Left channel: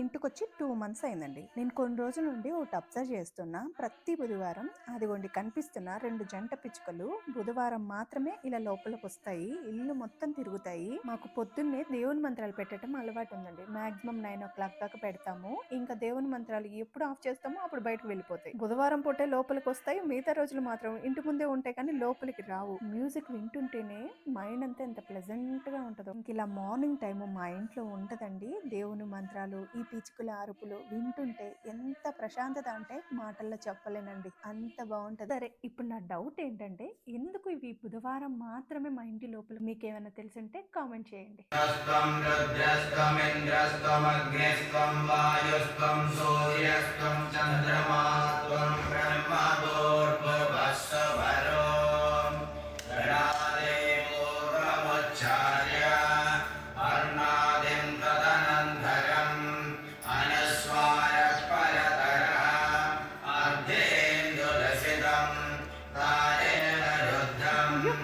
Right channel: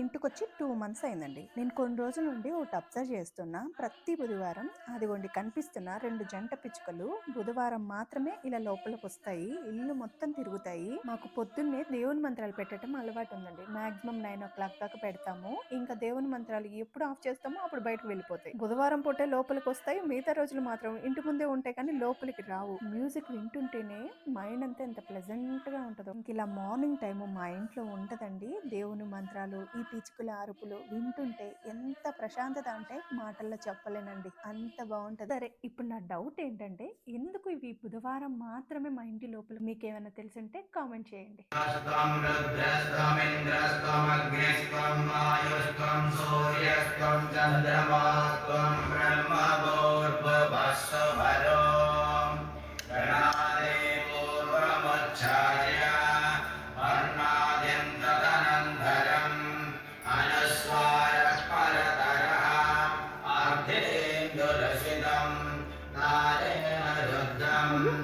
ఇంటికొచ్చి 2 మంత్స్ అయిందండి. నేను కొన్ని రోజుల నుండి ఒకటి అబ్జర్వ్ చేస్తున్నా. ప్రతి బుధవారం అదిగోండి కనిపిస్తున్న 2 జంట పిచ్చుకలు బుధవారం మాత్రమే ఇలా లోపలికొస్తాయి. ఇల్లు మొత్తం తిరుగుతాయి. మాకు పొద్దున్నే దేవుని మంత్రాలు పెట్టడం అలవాటు ఉందండి. మాక్సిమం 9:00 దాకా పెడతాము. ఇంకా దేవుని మంత్రాలు ఎప్పుడు ఆఫ్ చేస్తామో అప్పుడు బయటకు వెళ్ళిపోతాయి. బుధవారం పూటే లోపలికి వస్తాయి. మిగతా రోజులు మాత్రం ఇంటి ముందే ఉంటాయి కానీ లోపలికి రావు. మ్యూజిక్ వింటుంటేనే మైండ్ అంతా ఎంత ప్లెజెంట్ గా ఉంటుందో. ఇంక ఇలా మార్నింగ్ టైం మా ఇంట్లో ఉంటదండి. దేవుని మంత్రాలు, ఈ పిచ్చుకల అరుపులు వింటుంటే ఎంత ప్రశాంతత అంటే మాటల్లో చెప్పలేనండి. అంత బాగుంటది. సరే, ఇప్పుడు నా డౌట్ ఏంటంటే ఎందుకు ఇవి బుధవారం మాత్రమే మా ఇంటి లోపల? మీకేమైనా తెలుసుంటే కామెంట్ చేయండి. నారాయణ రుద్రం